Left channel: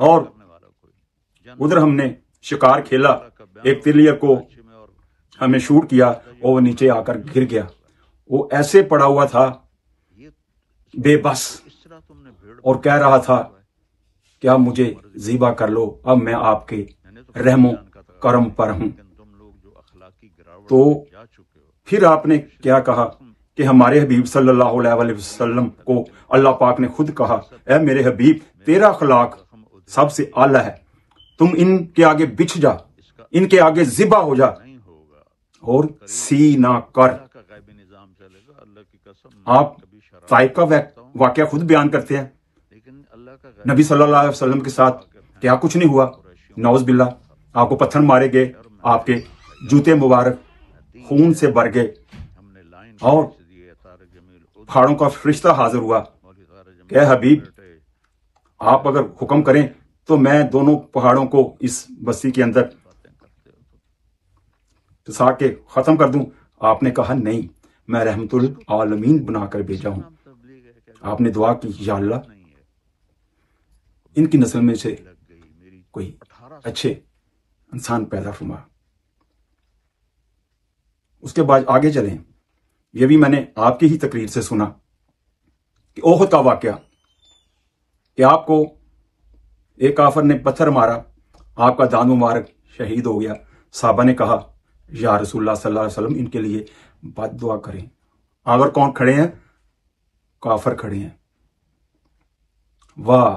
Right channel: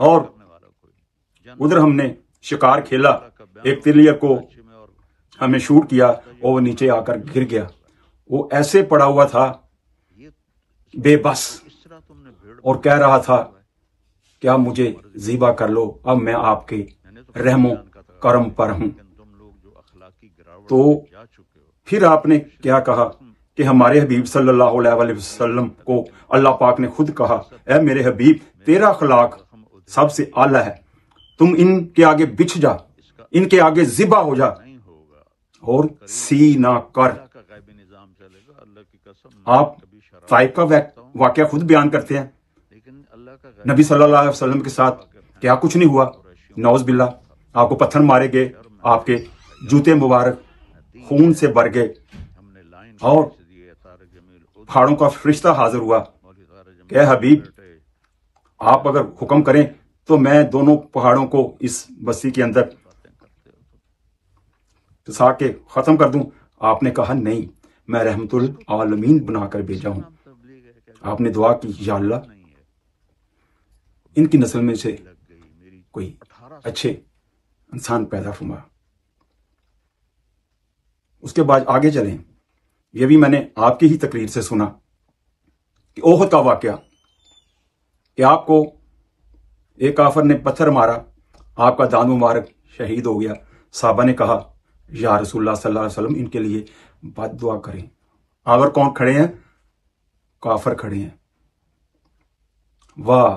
اور ادھر ہم نے شکار کھیلا، ایک تلیر کو ہم نے شوٹ کیا اور وہ نیچے آ کر گر گیا، وہ ایسے پڑا ہوا تھا بے بس اور کہہ رہا تھا کہ اب مجھے ذبح کر لو، اب میں آپ کے رحم و کرم پر ہوں۔ تو پھر آپ نے کیا کہا کہ ہمارے حبیب صلی اللہ علیہ وسلم کو اللہ پاک نے خود کہا، اے میرے حبیب تیرا اخلاق سب سے اعلیٰ ہے، تم ان کے آگے بچھ جا، ان کے آگے ذبح ہو جا اور سی نہ کر۔ آپ طائف کا واقعہ خود بیان کرتے ہیں، نبی صلی اللہ علیہ وسلم کے ساتھ کیا کچھ نہیں ہوا، نعوذ باللہ، آپ کو پتھر مارے گئے، آپ کے جوتے مبارک خون سے بھر گئے، اور پہاڑوں کا فرشتہ حاضر ہوا کہ اے حبیب آپ اگر حکم کریں تو میں دونوں پہاڑوں کو اس بستی کے اندر پسا کے ختم کر دوں۔ آپ نے کہا نہیں، میں رحمت العالمین بنا کر بھیجا ہوں۔ آپ نے دعا کی یا اللہ ان کی نسل میں سے کوئی اچھے انسان پیدا فرما۔ اس کے بعد آگے چلیں، یہ بھی میں نے آپ کی ہی تقریر سے سنا کہ احد کا واقعہ، کہ آپ کو ایک کافر نے پتھر مارا، آپ کا دانت مبارک شہید ہو گیا، صحابہ نے کہا یا رسول اللہ صلی اللہ علیہ وسلم ان کے لیے بد دعا کریں۔ اگر کون کھڑے ہیں؟ کافر کھڑے ہیں۔ واہ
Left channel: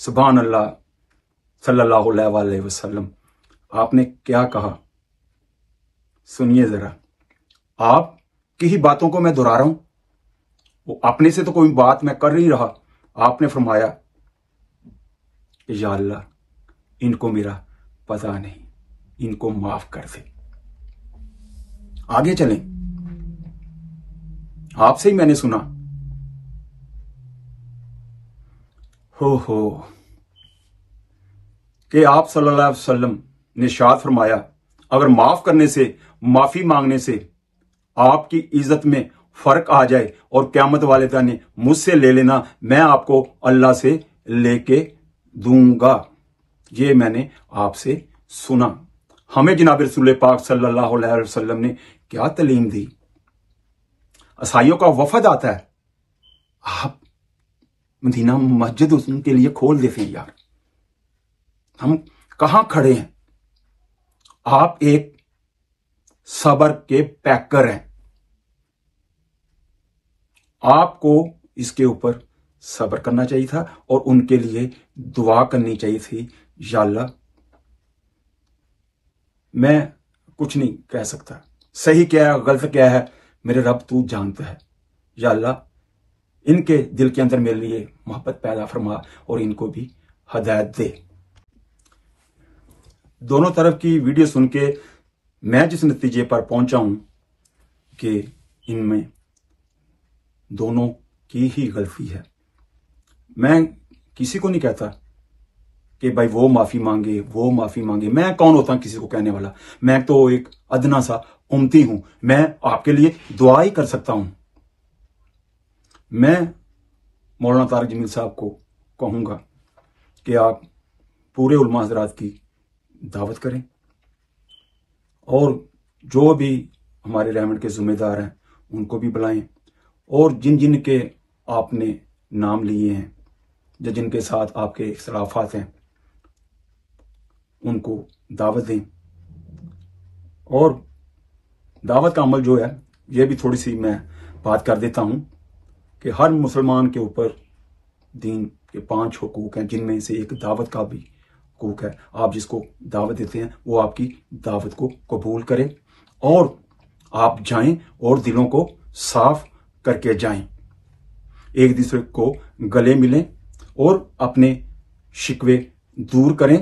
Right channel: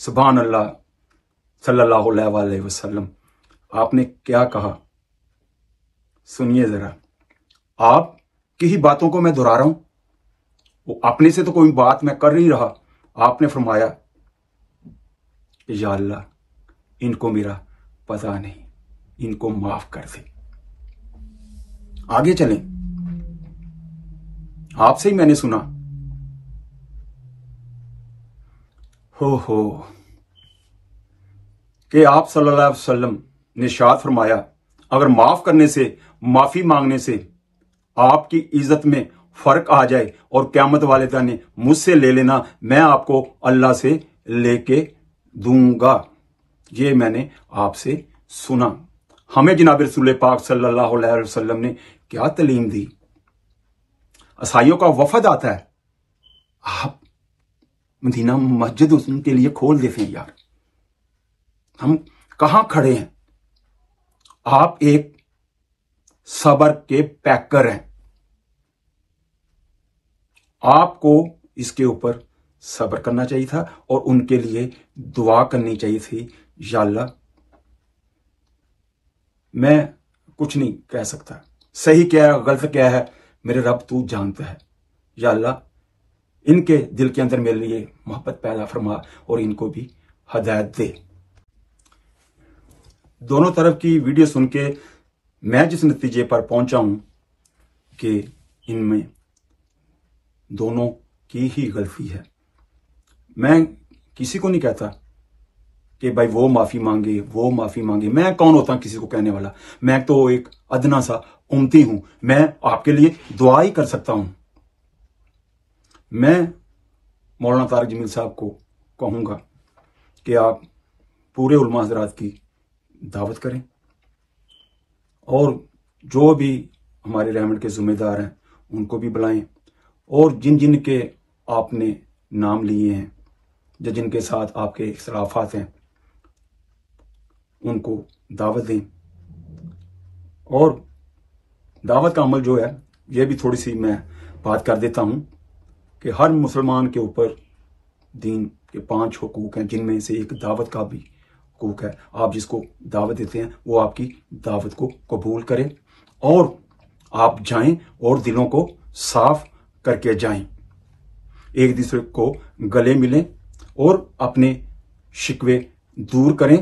سبحان اللہ صلی اللہ علیہ وسلم، آپ نے کیا کہا سنیے ذرا۔ آپ کی ہی باتوں کو میں دہرا رہا ہوں، اپنے سے تو کوئی بات میں کر نہیں رہا۔ آپ نے فرمایا کہ یا اللہ ان کو میرا پتہ نہیں، ان کو معاف کر دے۔ آگے چلیں، آپ سے ہی میں نے سنا ہو کہ آپ صلی اللہ علیہ وسلم نے ارشاد فرمایا اگر معاف کرنے سے، معافی مانگنے سے آپ کی عزت میں فرق آ جائے اور قیامت والے دن مجھ سے لے لینا، میں آپ کو اللہ سے لے کے دوں گا۔ یہ میں نے آپ سے سنا۔ ہمیں جناب رسول پاک صلی اللہ علیہ وسلم نے کیا تعلیم دی۔ عیسائیوں کا وفد آتا ہے، آپ مدینہ مسجد ان کے لیے کھول دیتے ہیں۔ یار ہم کہاں کھڑے ہیں؟ آپ ایک صبر کے پیکر ہیں، آپ کو اس کے اوپر صبر کرنا چاہیے تھا اور ان کے لیے دعا کرنی چاہیے تھی، یا اللہ میں کچھ نہیں کہہ سکتا، صحیح کیا ہے غلط کیا ہے میرے رب تو جانتا ہے، یا اللہ ان کے دل کے اندر میرے لیے محبت پیدا فرما اور ان کو بھی ہدایت دے۔ دونوں طرف کی ویڈیو سن کے میں جس نتیجے پر پہنچا ہوں کہ ان میں دونوں کی ہی غلطی ہے۔ میں کسی کو نہیں کہتا کہ بھائی وہ معافی مانگے، وہ معافی مانگے، میں کون ہوتا کسی کو کہنے والا؟ میں تو ایک ادنا سا امتی ہوں، میں آپ کے لیے دعا ہی کر سکتا ہوں۔ میں مولانا طارق جمیل صاحب کو کہوں گا کہ آپ پورے علماء حضرات کی دعوت کریں اور جو بھی ہمارے رحمت کے ذمہ دار ہیں ان کو بھی بلائیں، اور جن جن کے آپ نے نام لیے ہیں، جن کے ساتھ آپ کے اختلافات ہیں، ان کو دعوت دیں۔ اور دعوت کا عمل جو ہے یہ بھی تھوڑی سی میں بات کر دیتا ہوں کہ ہر مسلمان کے اوپر دین کے 5 حقوق ہیں، جن میں سے ایک دعوت کا بھی حقوق ہے۔ آپ جس کو دعوت دیتے ہیں وہ آپ کی دعوت کو قبول کریں اور آپ جائیں اور دلوں کو صاف کر کے جائیں، ایک دوسرے کو گلے ملیں اور اپنے شکوے دور کریں،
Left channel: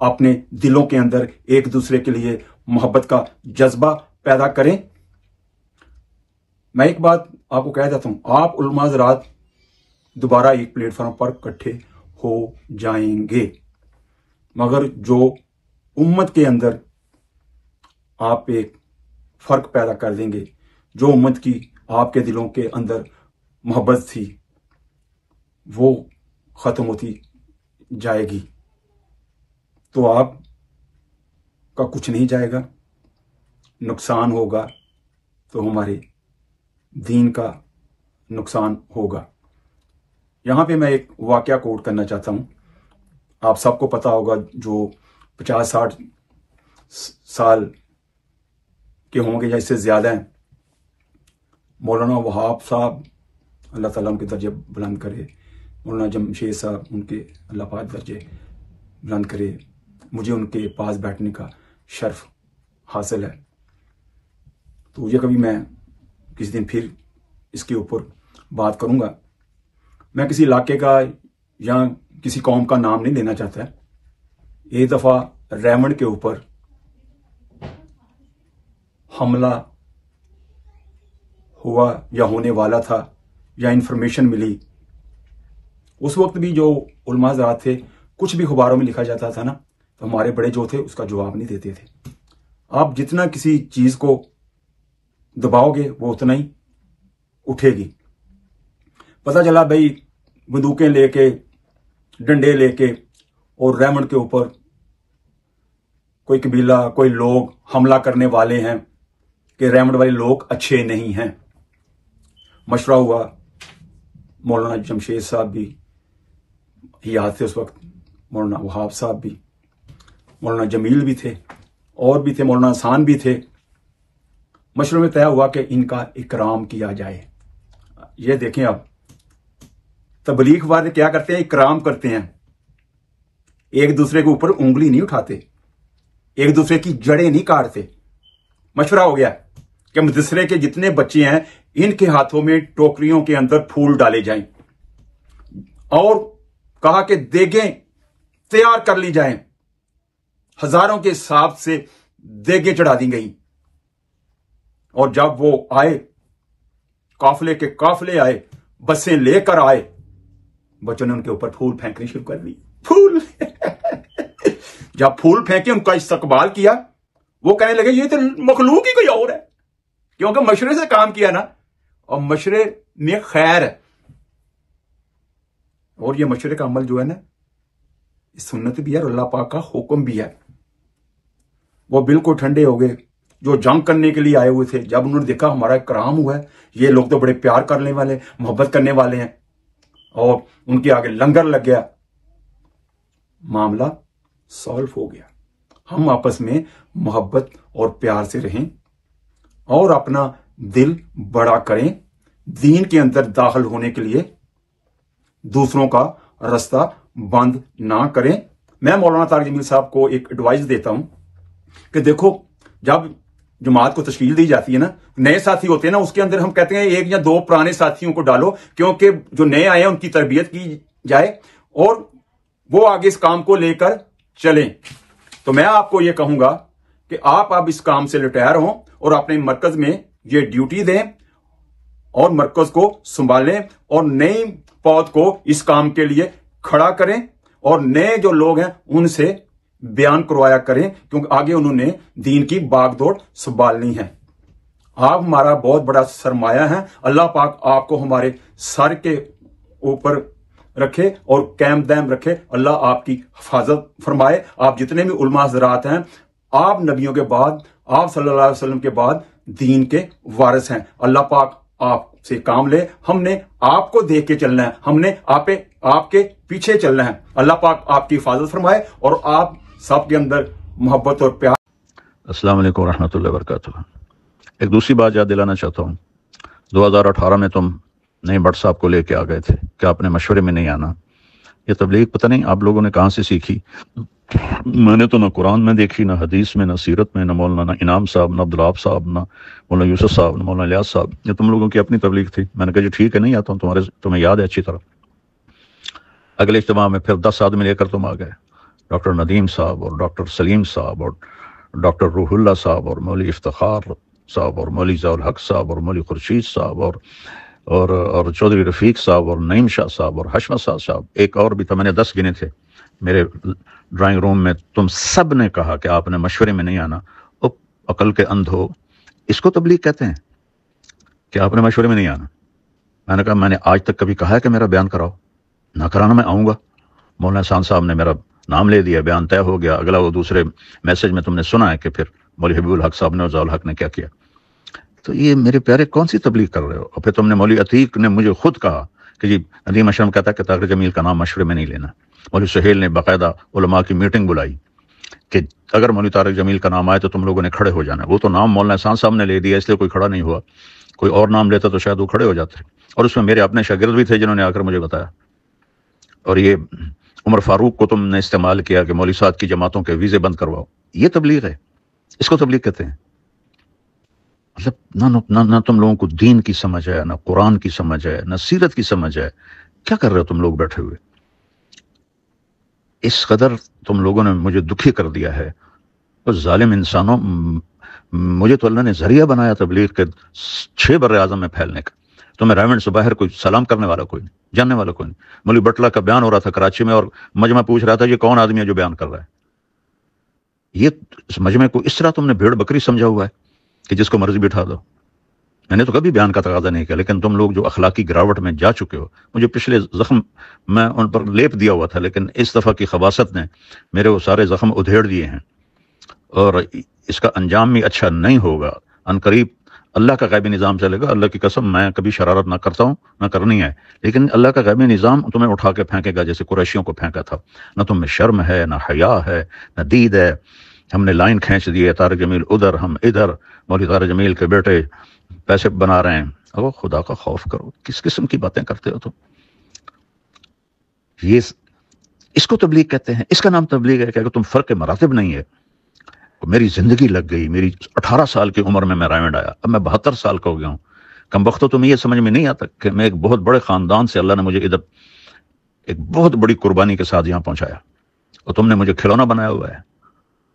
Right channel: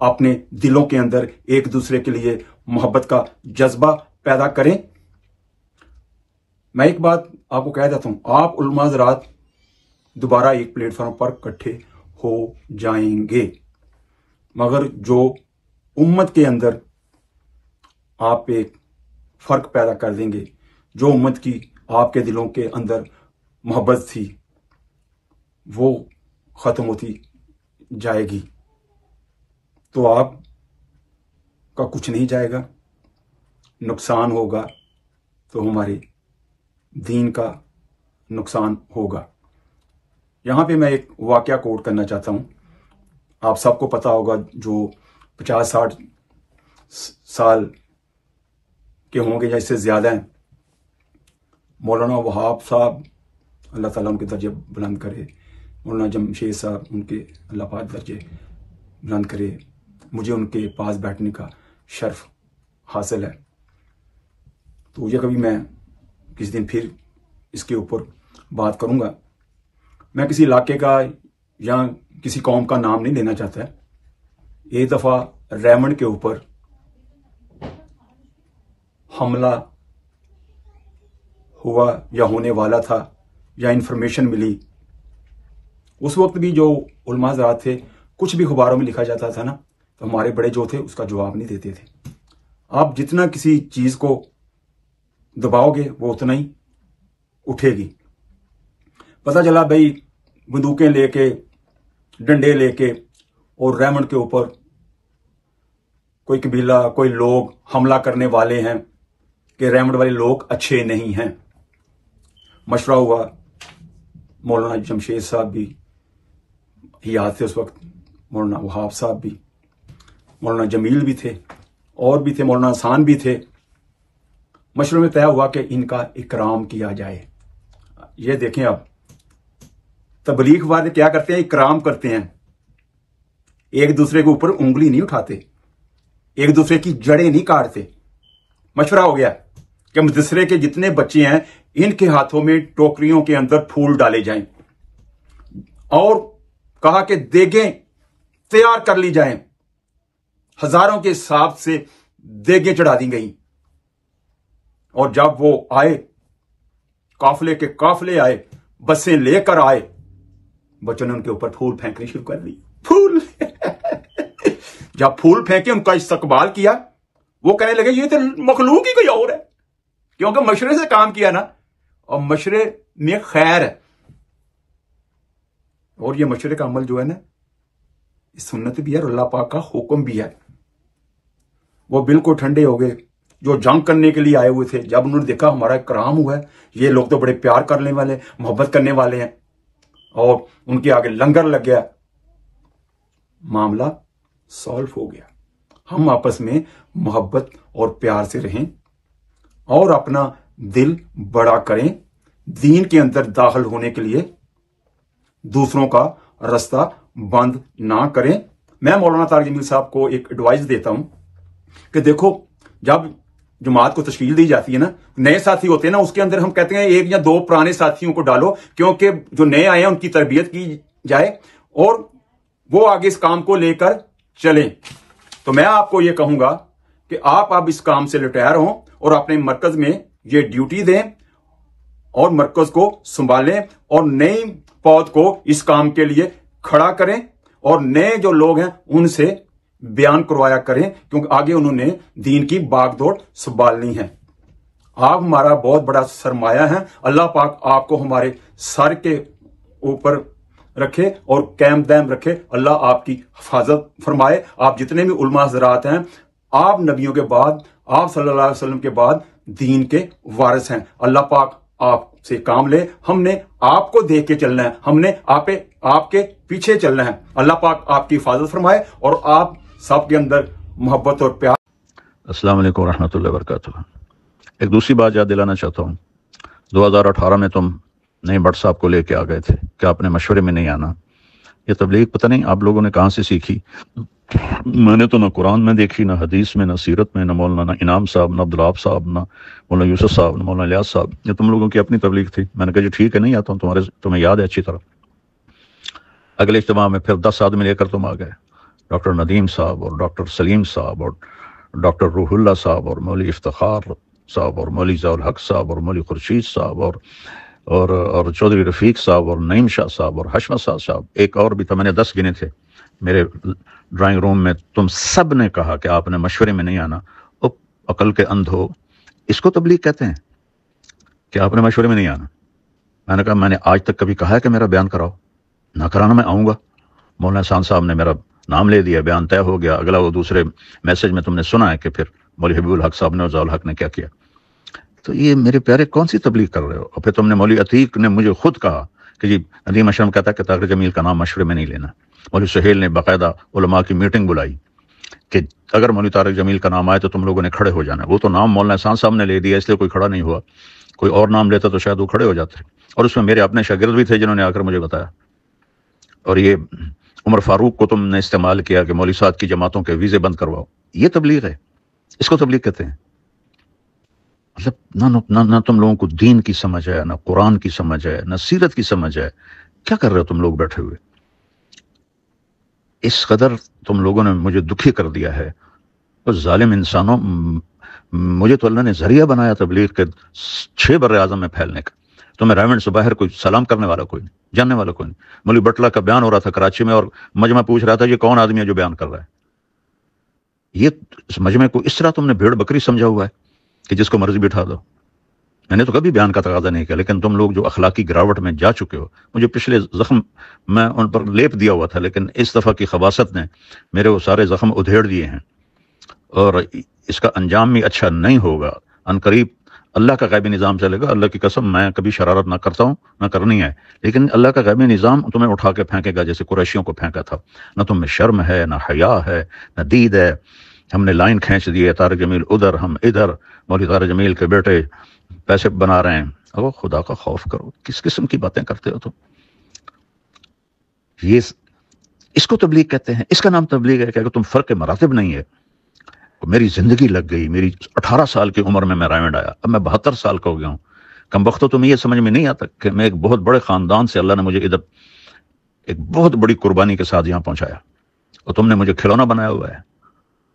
اپنے دلوں کے اندر ایک دوسرے کے لیے محبت کا جذبہ پیدا کریں۔ میں ایک بات آپ کو کہہ دیتا ہوں، آپ علماء حضرات دوبارہ ایک پلیٹ فارم پر اکٹھے ہو جائیں گے، مگر جو امت کے اندر آپ ایک فرق پیدا کر دیں گے، جو امت کی آپ کے دلوں کے اندر محبت تھی وہ ختم ہوتی جائے گی تو آپ کا کچھ نہیں جائے گا، نقصان ہوگا تو ہمارے دین کا نقصان ہوگا۔ یہاں پہ میں ایک واقعہ کوٹ کرنا چاہتا ہوں۔ آپ سب کو پتا ہوگا، جو 50-60 سال کے ہوں گے یا اس سے زیادہ ہیں، مولانا وہاب صاحب، اللہ تعالیٰ ان کے درجے بلند کرے، مولانا جمشید صاحب، ان کے اللہ پاک درجے بلند کرے، مجھے ان کے پاس بیٹھنے کا شرف حاصل ہے۔ تو یہ کبھی میں کس دن پھر اس کے اوپر بات کروں گا۔ میں کسی علاقے کا یا کسی قوم کا نام نہیں لینا چاہتا ہے۔ ایک دفعہ ریمنڈ کے اوپر حملہ ہوا یا ہونے والا تھا یا انفارمیشن ملی، اس وقت بھی جو علماء حضرات تھے، کچھ بھی اخباروں میں لکھا جاتا تھا نا، تو ہمارے بڑے جو تھے اس کا جواب نہیں دیتے تھے۔ آپ جتنا کسی چیز کو دباؤ گے وہ اتنا ہی اٹھے گی۔ پتہ چلا بھائی بندوقیں لے کے، ڈنڈے لے کے، اور ریمنڈ کے اوپر کوئی قبیلہ، کوئی لوگ حملہ کرنے والے ہیں کہ ریمنڈ والے لوگ اچھے نہیں ہیں۔ مشورہ ہوا، مولانا جمشید صاحب بھی یاد تھے اس وقت، مولانا وہاب صاحب بھی، مولانا جمیل بھی تھے، اور بھی تھے، مولانا حسان بھی تھے۔ مشورے میں طے ہوا کہ ان کا اکرام کیا جائے۔ یہ دیکھیں، اب تبلیغ والے کیا کرتے ہیں؟ اکرام کرتے ہیں، ایک دوسرے کے اوپر انگلی نہیں اٹھاتے، ایک دوسرے کی جڑیں نہیں کاٹتے۔ مشورہ ہو گیا کہ مدرسے کے جتنے بچے ہیں ان کے ہاتھوں میں ٹوکریوں کے اندر پھول ڈالے جائیں، اور کہا کہ دیگیں تیار کر لی جائیں۔ ہزاروں کے حساب سے دیگیں چڑھا دی گئیں، اور جب وہ آئے، قافلے کے قافلے آئے، بسیں لے کر آئے، بچوں نے ان کے اوپر پھول پھینکنے شروع کر دی۔ پھول جب پھول پھینکے، ان کا استقبال کیا، وہ کہنے لگے یہ تو مخلوق ہی کوئی اور ہے، کیونکہ مشورے سے کام کیا نا، اور مشورے میں خیر ہے، اور یہ مشورے کا عمل جو ہے نا، سنت بھی ہے اور اللہ پاک کا حکم بھی ہے۔ وہ بالکل ٹھنڈے ہو گئے، جو جنگ کرنے کے لیے آئے ہوئے تھے۔ جب انہوں نے دیکھا ہمارا اکرام ہوا ہے، یہ لوگ تو بڑے پیار کرنے والے، محبت کرنے والے ہیں، اور ان کے آگے لنگر لگ گیا، معاملہ سالو ہو گیا۔ ہم آپس میں محبت اور پیار سے رہیں اور اپنا دل بڑا کریں، دین کے اندر داخل ہونے کے لیے دوسروں کا راستہ بند نہ کریں۔ میں مولانا طارق جمیل صاحب کو ایک ایڈوائز دیتا ہوں کہ دیکھو، جب جماعت کو تشکیل دی جاتی ہے نا، نئے ساتھی ہوتے ہیں نا، اس کے اندر ہم کہتے ہیں 1 یا 2 پرانے ساتھیوں کو ڈالو، کیونکہ جو نئے آئے ہیں ان کی تربیت کی جائے اور وہ آگے اس کام کو لے کر چلیں۔ تو میں آپ کو یہ کہوں گا کہ آپ اب اس کام سے ریٹائر ہوں اور اپنے مرکز میں یہ ڈیوٹی دیں اور مرکز کو سنبھالیں، اور نئی پود کو اس کام کے لیے کھڑا کریں، اور نئے جو لوگ ہیں ان سے بیان کروایا کریں، کیونکہ آگے انہوں نے دین کی باغ دوڑ سنبھالنی ہے۔ آپ ہمارا بہت بڑا سرمایہ ہے، اللہ پاک آپ کو ہمارے سر کے اوپر رکھے اور قائم دائم رکھے، اللہ آپ کی حفاظت فرمائے۔ آپ جتنے بھی علماء حضرات ہیں، آپ نبیوں کے بعد، آپ صلی اللہ علیہ وسلم کے بعد دین کے وارث ہیں۔ اللہ پاک آپ سے کام لے، ہم نے آپ کو دیکھ کے چلنا ہے، ہم نے آپ کے پیچھے چلنا ہے۔ اللہ پاک آپ کی حفاظت فرمائے اور آپ سب کے اندر محبت اور پیار۔ السلام علیکم ورحمۃ اللہ وبرکاتہ۔ ایک دوسری بات یاد دلانا چاہتا ہوں، 2018 میں تم نئے بٹ صاحب کو لے کے آ گئے تھے کہ آپ نے مشورے میں نہیں آنا۔ یہ تبلیغ پتہ نہیں آپ لوگوں نے کہاں سے سیکھی۔ میں نے تو نہ قرآن میں دیکھی، نہ حدیث میں، نہ سیرت میں، نہ مولانا انعام صاحب، نہ عبدالوہاب صاحب، نہ مولانا یوسف صاحب، نہ مولانا الیاس صاحب۔ یہ تم لوگوں کی اپنی تبلیغ تھی۔ میں نے کہا جی ٹھیک ہے، نہیں آتا ہوں، تمہیں یاد ہے اچھی طرح۔ اگلے اجتماع میں پھر 10 آدمی لے کر تم آ گئے، ڈاکٹر ندیم صاحب اور ڈاکٹر سلیم صاحب اور ڈاکٹر روح اللہ صاحب اور مولوی افتخار صاحب اور مولوی ضیاء الحق صاحب اور مولوی خورشید صاحب اور چودھری رفیق صاحب اور نعیم شاہ صاحب اور حشمت صاحب، ایک اور بھی تھا، میں نے 10 گنے تھے میرے ڈرائنگ روم میں۔ تم سب نے کہا کہ آپ نے مشورے میں نہیں آنا۔ عقل کے اندھو، اس کو تبلیغ کہتے ہیں کہ آپ نے مشورے میں نہیں آنا۔ میں نے کہا میں نے آج تک کبھی کہا ہے کہ میرا بیان کراؤ؟ نہ کرانا، میں آؤں گا، مولانا احسان صاحب نے میرا نام لے دیا, بیان طے ہو گیا. اگلا وہ دوسرے میسج میں تم نے سنا ہے کہ پھر مولوی حبیب الحق صاحب نے اور ضیاء الحق نے کیا کیا. تو یہ میرے پیارے کون سی تبلیغ کر رہے ہو؟ اور پھر تم نے مولوی عتیق نے مجھے خود کہا کہ جی ندیم اشرم کہتا ہے کہ طارق جمیل کا نام مشورے میں نہیں لینا. مولوی سہیل نے باقاعدہ علماء کی میٹنگ بلائی کہ اگر مولوی طارق جمیل کا نام آئے تو تم لوگوں نے کھڑے ہو جانا. وہ تو نام مولانا احسان صاحب نے لے دیا اس لیے کوئی کھڑا نہیں ہوا, کوئی اور نام لیتا تو شاید وہ کھڑے ہو جاتے. اور اس میں میرے اپنے شاگرد بھی تھے جنہوں نے آ کر مجھے بتایا. اور یہ عمر فاروق کو تم نے استعمال کیا کہ مولوی صاحب کی جماعتوں کے ویزے بند کرواؤ. یہ تبلیغ ہے, اس کو تبلیغ کہتے ہیں. مطلب نہ تم لوگوں کو دین کی سمجھ ہے, نہ قرآن کی سمجھ ہے, نہ سیرت کی سمجھ ہے. کیا کر رہے ہو تم لوگ بیٹھے ہوئے؟ اس قدر تم لوگوں نے مجھے دکھی کر دیا ہے. اور ظالم انسانوں, مجھے تو اللہ نے ذریعہ بنایا تبلیغ کے 6 بر اعظم میں پھیلنے کا. تو میں رائمنڈ سے باہر کوئی سلام کرنے والا کوئی نہیں, جاننے والا کوئی نہیں. مولوی بٹلہ کا بیان ہو رہا تھا کراچی میں, اور مجمع پوچھ رہا تھا یہ کون آدمی ہے جو بیان کر رہا ہے. یہ اس مجمع کو اس طرح تم نے بھیڑ بکری سمجھا ہوا ہے کہ جس کو مرضی بٹھا دو. میں نے تو کبھی بیان کا تقاضا نہیں کیا, لیکن تم لوگ جو اخلاقی گراوٹ میں جا چکے ہو, مجھے پچھلے زخم میں ان پر لیپ دیا ہوا تھا, لیکن اس دفعہ کی خباثت نے میرے وہ سارے زخم ادھیڑ دیے ہیں, اور اس کا انجام بھی اچھا نہیں ہوگا. ان قریب اللہ کا غیبی نظام چلے گا. اللہ کی قسم میں کبھی شرارت نہ کرتا ہوں, نہ کرنی ہے, لیکن اللہ کا غیبی نظام تمہیں اٹھا کے پھینکے گا جیسے قریشیوں کو پھینکا تھا. نہ تم میں شرم ہے, نہ حیا ہے, نہ دید ہے. ہم نے لائن کھینچ دی ہے, طارق جمیل ادھر, ہم ادھر. مولوی طارق جمیل کے بیٹے پیسے بنا رہے ہیں. اب خدا کا خوف کرو, کس قسم کی باتیں کرتے ہو تم؟ یہ اس کو تبلیغ کہتے ہیں. اس کا نام تبلیغ ہے کہ اگر تم فرق مراتب نہیں ہے. میری زندگی لگ گئی, میری 18 سال کی عمر میں رائمنڈ آیا, اب میں 72 سال کا ہو گیا ہوں. کم وقت تو تمہیں یہ سمجھ میں نہیں آتا کہ میں ایک بہت بڑے خاندان سے اللہ نے مجھے ادھر ایک بہت بڑی قربانی کے ساتھ یہاں پہنچایا, اور تم نے مجھے کھلونا بنایا ہوا ہے.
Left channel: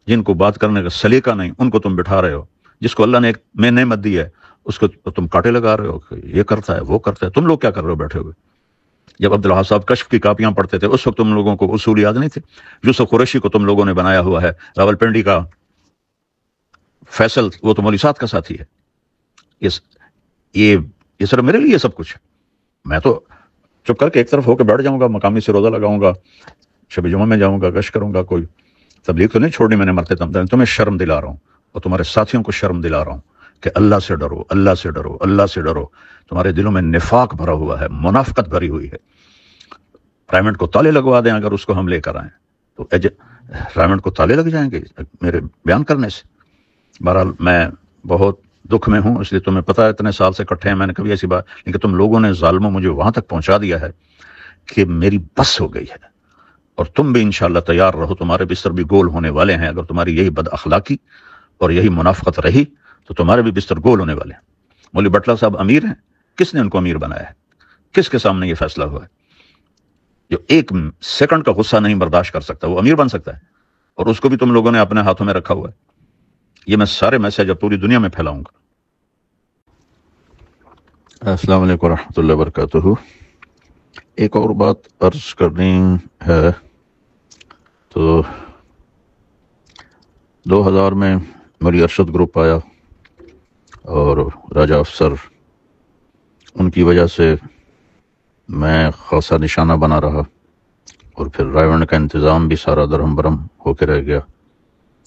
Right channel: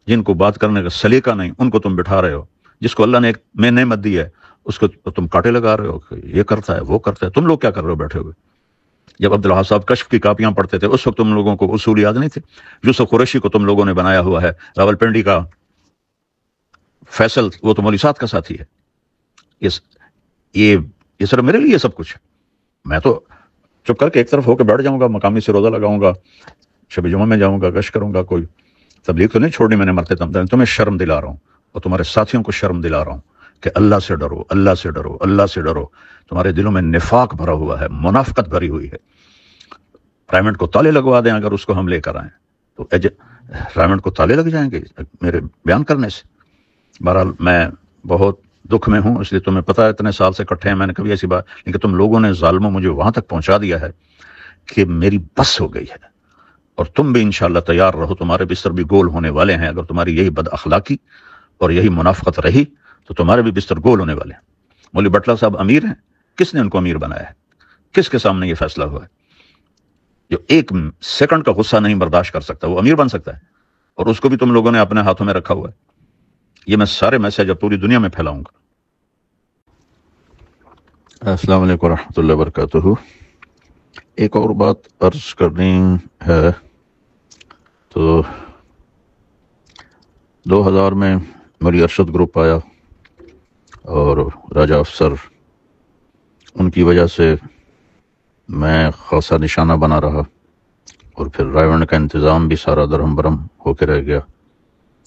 جن کو بات کرنے کا سلیقہ نہیں ان کو تم بٹھا رہے ہو. جس کو اللہ نے ایک میں نعمت دی ہے اس کو تم کاٹے لگا رہے ہو کہ یہ کرتا ہے وہ کرتا ہے. تم لوگ کیا کر رہے ہو بیٹھے ہوئے؟ جب عبدالحق صاحب کشف کی کاپیاں پڑھتے تھے اس وقت تم لوگوں کو اصول یاد نہیں تھے. یوسف قریشی کو تم لوگوں نے بنایا ہوا ہے. راول پنڈی کا فیصل وہ تو مولوی صاحب کا ساتھی ہے. یہ صرف میرے لیے سب کچھ ہے. میں تو چپ کر کے ایک طرف ہو کے بیٹھ جاؤں گا, مقامی سے روزہ لگاؤں گا, شب جمعہ میں جاؤں گا, گشت کروں گا. کوئی تبلیغ تو نہیں چھوڑنی میں نے مرتے دم. تمہیں شرم دلا رہا ہوں اور تمہارے ساتھیوں کو شرم دلا رہا ہوں کہ اللہ سے ڈرو, اللہ سے ڈرو, اللہ سے ڈرو. تمہارے دلوں میں نفاق بھرا ہوا ہے, منافقت بھری ہوئی ہے. رائمنڈ کو تالے لگوا دیں اگر اس کو ہم لے کر آئیں تو رائمنڈ کو تالے لگ جائیں گے میرے بیان کرنے سے. بہرحال میں بہت دکھ میں ہوں, اس لیے تمہیں پتہ ہے اتنے سال سے کٹھے ہیں, میں نے کبھی ایسی بات, لیکن تم لوگوں نے ظالموں مجھے وہاں تک پہنچا دیا ہے کہ میری بس ہو گئی ہے. اور تم بھی انشاءاللہ تیار رہو, تمہارے بستر بھی گول ہونے والے ہیں. اگر تمہاری یہی بد اخلاقی اور یہی منافقت رہی تو تمہارے بھی بستر گول ہونے والے ہیں. مولوی بٹلہ صاحب امیر ہیں, کس نے ان کو امیر بنایا ہے؟ کس کے سامنے یہ فیصلہ ہوا ہے؟ جو 1 سیکنڈ کا غصہ نہیں برداشت کر سکتا وہ امیر بن سکتا ہے, اور اس کو بھی تم لوگوں نے اپنے ہاتھوں میں رکھا ہوا ہے. یہ میں سارے میسج اب پوری دنیا میں پھیلاؤں گا. السلام علیکم ورحمۃ اللہ وبرکاتہ. ایک اور بات عرض کرنی ہے. تو 2000 میں مولوی ارشد گروپ آیا اور راجہ افسر, ان کی وجہ سے میں خاصا نشانہ بنا رہا, اور پھر رائیونڈ کا انتظام بھی سارا درہم برہم ہو کے رہ گیا.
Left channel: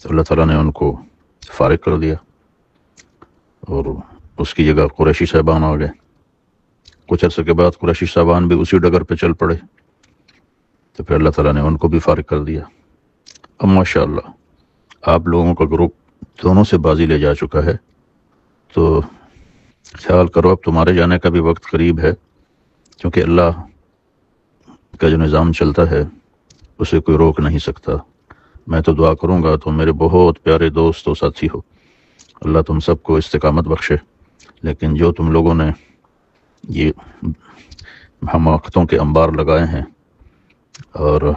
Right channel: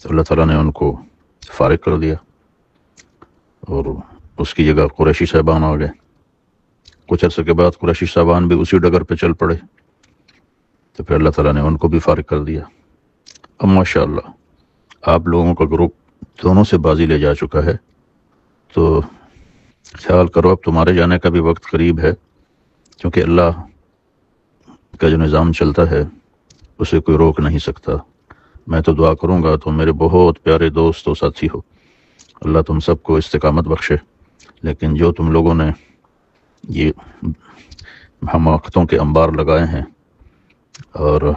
تو اللہ تعالیٰ نے ان کو فارغ کر دیا اور اس کی جگہ قریشی صاحبان آ گئے. کچھ عرصے کے بعد قریشی صاحبان بھی اسی ڈگر پہ چل پڑے, تو پھر اللہ تعالیٰ نے ان کو بھی فارغ کر دیا. اب ماشاءاللہ آپ لوگوں کا گروپ دونوں سے بازی لے جا چکا ہے. تو خیال کرو اب تمہارے جانے کا بھی وقت قریب ہے, کیونکہ اللہ کا جو نظام چلتا ہے اسے کوئی روک نہیں سکتا. میں تو دعا کروں گا, تم میرے بہت پیارے دوست و ساتھی ہو, اللہ تم سب کو استقامت بخشے. لیکن جو تم لوگوں نے یہ حماقتوں کے انبار لگائے ہیں اور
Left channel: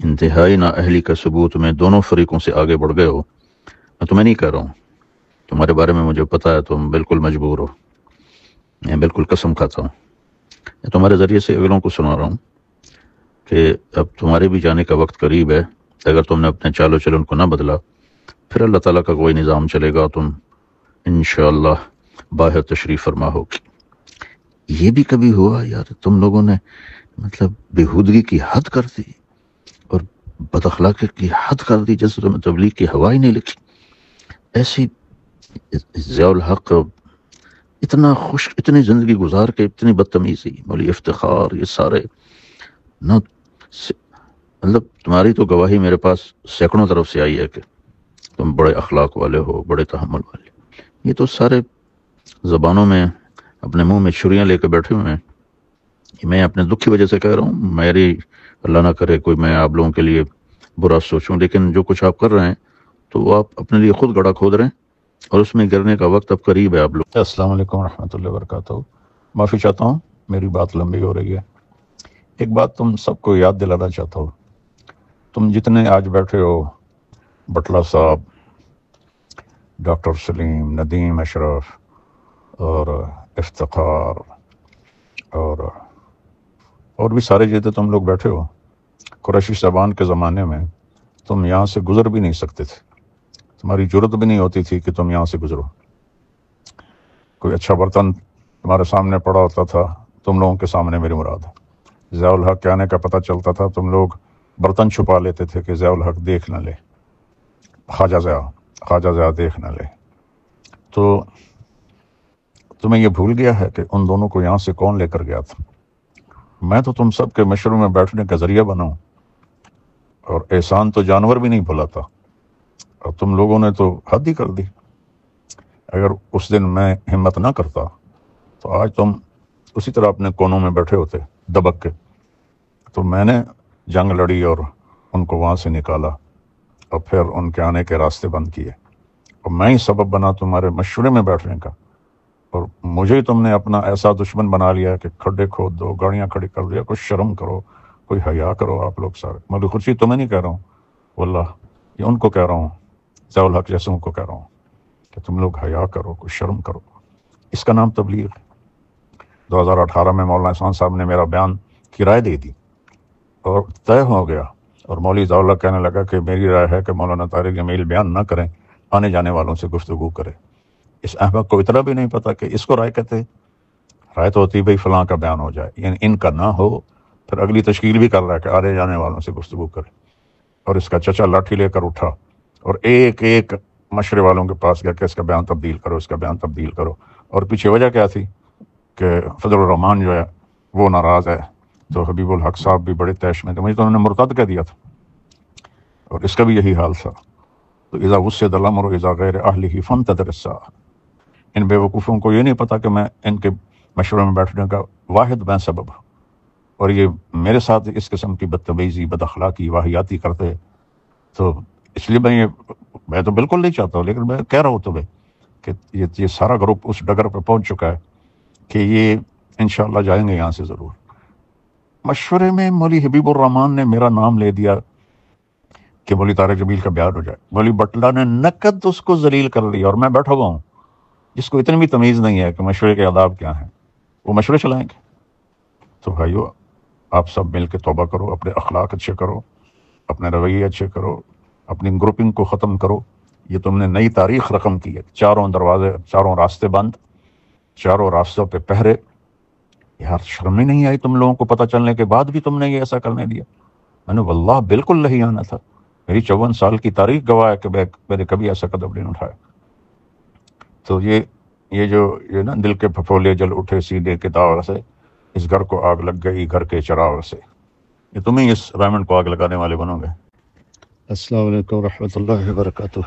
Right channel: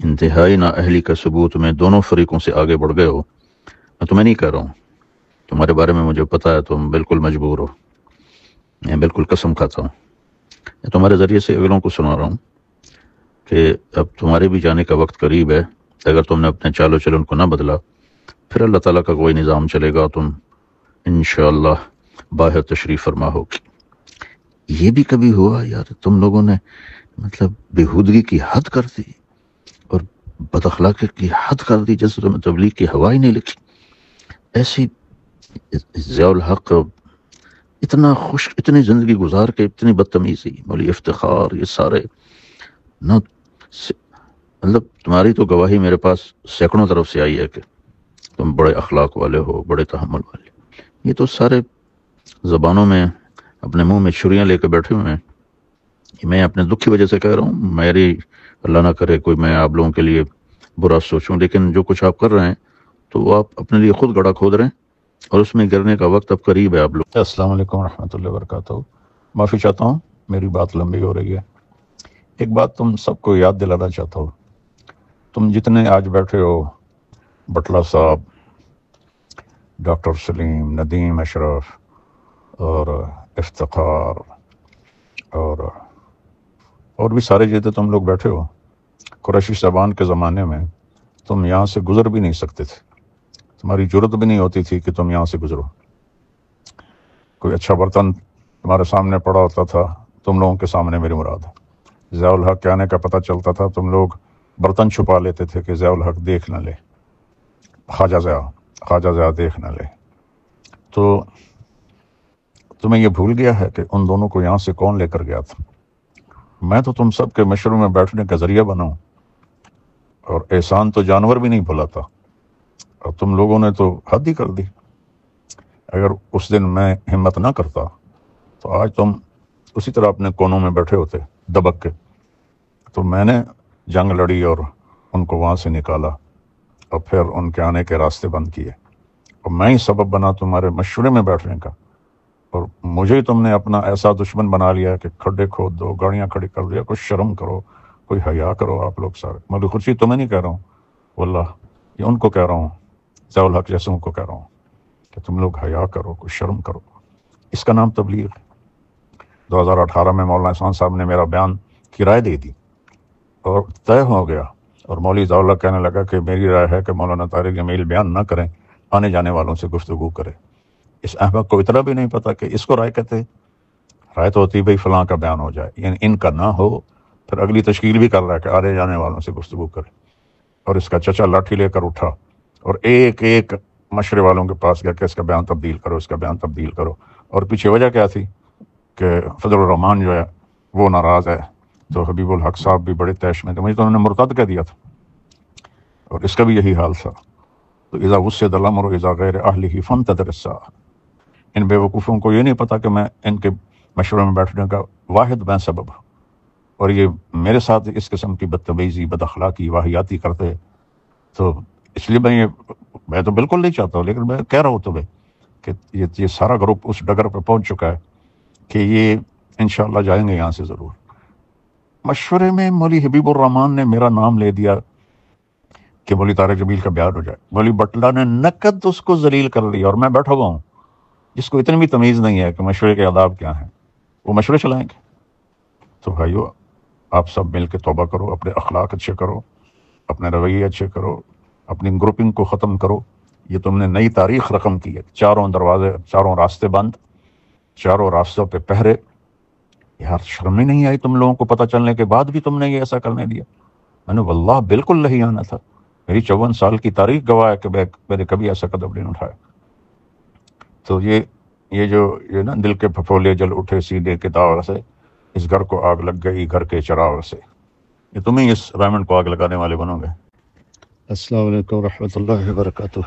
انتہائی نااہلی کا ثبوت میں دونوں فریقوں سے آگے بڑھ گئے ہو, میں تمہیں نہیں کہہ رہا ہوں, تمہارے بارے میں مجھے پتا ہے تم بالکل مجبور ہو, میں بالکل قسم کھاتا ہوں. میں تمہارے ذریعے سے اگلوں کو سنا رہا ہوں کہ اب تمہارے بھی جانے کا وقت قریب ہے. اگر تم نے اپنے چال و چلن کو نہ بدلا پھر اللہ تعالیٰ کا کوئی نظام چلے گا, تم انشاءاللہ باہر تشریف فرما ہوگی. یہ بھی کبھی ہوا یار تم لوگوں نے مطلب بےہودگی کی حد کر دی اور بد اخلاقی کی حد کر دی، جیسے تمہیں تبلیغ کی ہوا ہی نہیں لکھی. ایسی ضیاء الحق اتنا خوش، اتنی زندگی گزار کے اتنی بدتمیزی، مولوی افتخار، یہ سارے نہ مطلب تمہاری تو گواہی میرے پاس سینکڑوں طرف سے آئی ہے کہ تم بڑے اخلاق والے ہو، بڑے تحمل والے. یہ تو سارے زبانوں میں اپنے منہ میں چھریاں لے کے بیٹھے ہوئے ہیں. میں اپنے دکھ کی وجہ سے کہہ رہا ہوں، میری اللہ نہ کرے کوئی میں آپ لوگوں کے لیے برا سوچوں، لیکن جو کچھ آپ کر رہے ہیں تو وہ آپ اپنے لیے خود گڑھا کھود رہے ہیں اور اس میں گرنے کا وقت اب قریب ہے. آپ لوگ السلام علیکم ورحمۃ اللہ وبرکاتہ. معافی چاہتا ہوں، میری بات لمبی ہو رہی ہے. ایک بات تم سب کو یاد دلانا چاہتا ہوں. تم جتنے آج بیٹھے ہو، بٹلہ صاحب، ڈاکٹر سلیم، ندیم اشرف اور افتخار اور بھی سارے جتنے تم لوگ بیٹھے ہو، قریشی صاحبان کے زمانے میں تم یہاں سے گزر بھی نہیں سکتے تھے. تمہاری جرت بھی نہیں ہوتی تھی کہ تم یہاں سے گزرو. کوئی اچھا برتن تمہارے سامنے پڑا ہوتا تھا، تم لوگوں کے سامنے میری مراد ہے. ضیاء الحق کے آنے کا پتہ چلتا تھا، تم لوگ برتن چھپا لیتے تھے کہ ضیاء الحق دیکھ نہ لے، خواجہ ضیاء دیکھ نہ لے. تو تمہیں یہ بھول گیا ہے کہ ان دونوں کو یہاں سے کون لے کر گیا تھا؟ میں تو تم سب کے مشورے میں بیٹھنے کا ذریعہ بنا ہوں، اور احسان تو جانور بھی نہیں بھلاتا، اور تم لوگوں نے تو حد ہی کر دی. اگر اس دن میں ہمت نہ کرتا تو آج تم اسی طرح اپنے کونوں میں بیٹھے ہوتے دبک کے. تو میں نے جنگ لڑی اور ان کو وہاں سے نکالا اور پھر ان کے آنے کے راستے بند کیے، اور میں ہی سبب بنا تمہارے مشورے میں بیٹھنے کا. اور مجھے تم نے اپنا ایسا دشمن بنا لیا کہ کھڈے کھود دو، گاڑیاں کھڑی کر دیا. کوئی شرم کرو، کوئی حیا کرو. آپ لوگ سارے، مولوی خورشید تمہیں نہیں کہہ رہا ہوں واللہ، یہ ان کو کہہ رہا ہوں، ضیاء الحق جیسوں کو کہہ رہا ہوں کہ تم لوگ حیا کرو، کوئی شرم کرو. اس کا نام تبلیغ ہے. 2018 میں مولانا احسان صاحب نے میرا بیان کی رائے دے دی اور طے ہو گیا، اور مولوی ضیاء الحق کہنے لگا کہ میری رائے ہے کہ مولانا طارق جمیل بیان نہ کریں، آنے جانے والوں سے گفتگو کرے. اس احمق کو اتنا بھی نہیں پتا کہ اس کو رائے کہتے. رائے تو ہوتی بھائی فلاں کا بیان ہو جائے، یعنی ان کا نہ ہو. پھر اگلی تشکیل بھی کر رہا ہے کہ آنے جانے والوں سے گفتگو کرے. اور اس کا چچا لاٹھی لے کر اٹھا اور ایک ایک مشورے والوں کے پاس گیا کہ اس کا بیان تبدیل کرو، اس کا بیان تبدیل کرو. اور پیچھے وجہ کیا تھی کہ فضل الرحمان جو ہے وہ ناراض ہے. تو حبیب الحق صاحب بھی بڑے تیش میں تھے، مجھے تو انہوں نے مرتد کہہ دیا تھا، اور اس کا بھی یہی حال تھا. تو اذا وسد الامر اذا غیر اہلہ فانتظر الساعہ. ان بے وقوفوں کو یہ نہیں پتا کہ میں ان کے مشورے میں بیٹھنے کا واحد میں سبب ہوں، اور یہ میرے ساتھ اس قسم کی بدتمیزی، بد اخلاقی، واہیاتی کرتے. تو اس لیے میں تو بالکل نہیں چاہتا ہوں، لیکن میں کہہ رہا ہوں تمہیں کہ یہ سارا گروپ اس ڈگر پہ پہنچ چکا ہے کہ یہ انشاءاللہ جائیں گے یہاں سے ضرور. مشورے میں مولوی حبیب الرحمان نے میرا نام لے دیا کہ مولوی طارق جمیل کا بیان ہو جائے. مولوی بٹلہ نے نقد اس کو ذلیل کر لیا، اور میں بیٹھا ہوا ہوں جس کو اتنی بھی تمیز نہیں ہے کہ مشورے کے آداب کیا ہیں. وہ مشورے چلائیں گے. تو بھائیو، آپ سب مل کے توبہ کرو، اپنے اخلاق اچھے کرو، اپنے رویے اچھے کرو، اپنی گروپنگ کو ختم کرو. یہ تم نے نئی تاریخ رقم کی ہے. چاروں دروازے، چاروں راستے بند، چاروں راستوں پہ پہرے. یار شرم ہی نہیں آئی تم لوگوں کو پتہ چلنے کے بعد بھی تم نے یہ ایسا کرنے دیا؟ میں نے واللہ بالکل نہیں آنا تھا. میری 54 سال کی تاریخ گواہ ہے کہ میں نے کبھی ایسا قدم نہیں اٹھایا. تو یہ جو نا دل کے پھپھولے جل اٹھے سینے کے داغ سے، اس گھر کو آگ لگ گئی گھر کے چراغ سے. یہ تمہیں اس ڈائمنڈ کو آگ لگانے والے بنو گے. السلام علیکم ورحمۃ اللہ وبرکاتہ.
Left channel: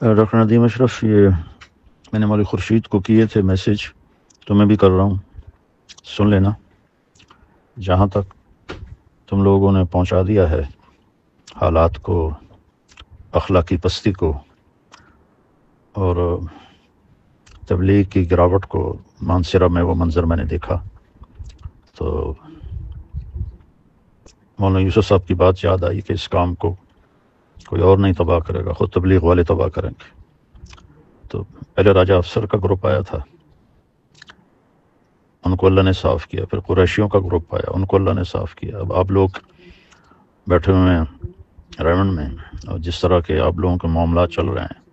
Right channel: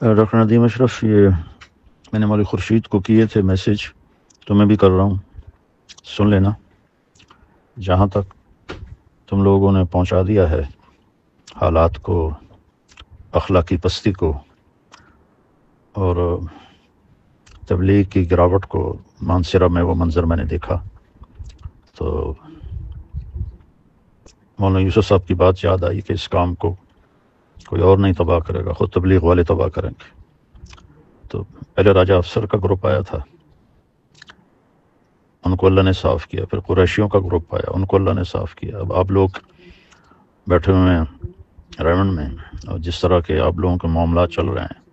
ڈاکٹر ندیم اشرف، یہ میں نے مولوی خورشید کو کیے تھے میسج، تو میں بھی کر رہا ہوں، سن لینا. جہاں تک تم لوگوں نے پہنچا دیا ہے حالات کو، اخلاقی پستی کو اور تبلیغ کی گراوٹ کو، مانسرہ میں وہ منظر میں نے دیکھا تو مولانا یوسف صاحب کی بات یاد آئی کہ اس کام کو کوئی اور نہیں تباہ کرے گا، خود تبلیغ والے تباہ کریں گے. تو پہلے راجہ افسر کا گروپ آیا تھا، ان کو اللہ نے صاف کیا. پھر قریشیوں کا گروپ آیا، ان کو اللہ نے صاف کیا. اب آپ لوگ بیٹھے ہوئے ہیں ریونڈ میں، اور جس طرح کے آپ لوگوں کے معاملات چل رہے ہیں،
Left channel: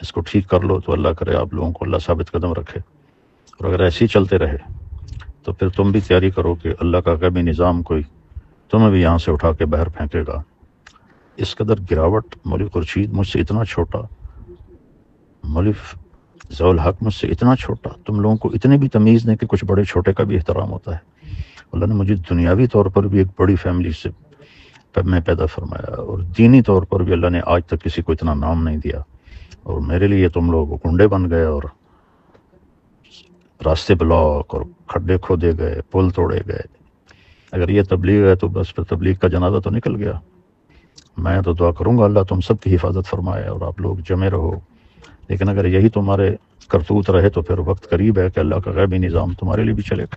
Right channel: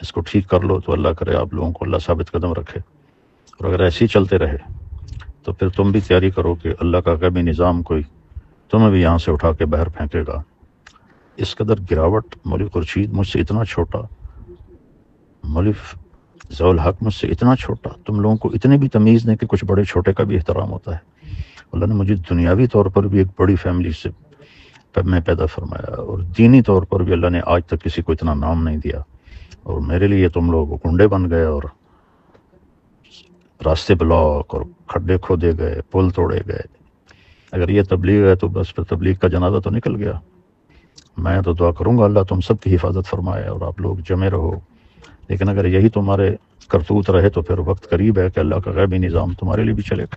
اس کو ٹھیک کر لو تو اللہ کرے آپ لوگوں کو اللہ ثابت قدم رکھے. اور اگر ایسے ہی چلتے رہے تو پھر تم بھی تیاری کرو کہ اللہ کا غیبی نظام کوئی تمہیں بھی یہاں سے اٹھا کے باہر پھینکے گا۔ اس قدر گراوٹ، مولوی خورشید مجھ سے اتنا چھوٹا، مولوی ضیاء الحق مجھ سے اتنا چھوٹا، تم لوگوں کو اتنی بھی تمیز نہیں کہ کچھ بڑے چھوٹے کا بھی احترام ہوتا ہے۔ اللہ نے مجھے دنیاوی طور پر بھی ایک بڑی فیملی سے میں پیدا فرمایا، اور دینی طور پر بھی اللہ نے آج تک کسی کو اتنا نام نہیں دیا، اور میرے لیے تم لوگ گنڈے بن گئے اور راستے بلاک اور کھڈے کھودے گئے، پل توڑے گئے۔ اگر یہ تبلیغ ہے تو بس پھر تبلیغ کا جنازہ تو نکل گیا۔ میں تو دعا کروں گا اللہ تم سب کی حفاظت فرمائے اور آپ لوگ جمے رہو، لیکن اگر یہی تمہارے کرتوت رہے تو پھر وقت قریب ہے کہ اللہ کا غیبی نظام تمہارے لیے بھی چلے گا۔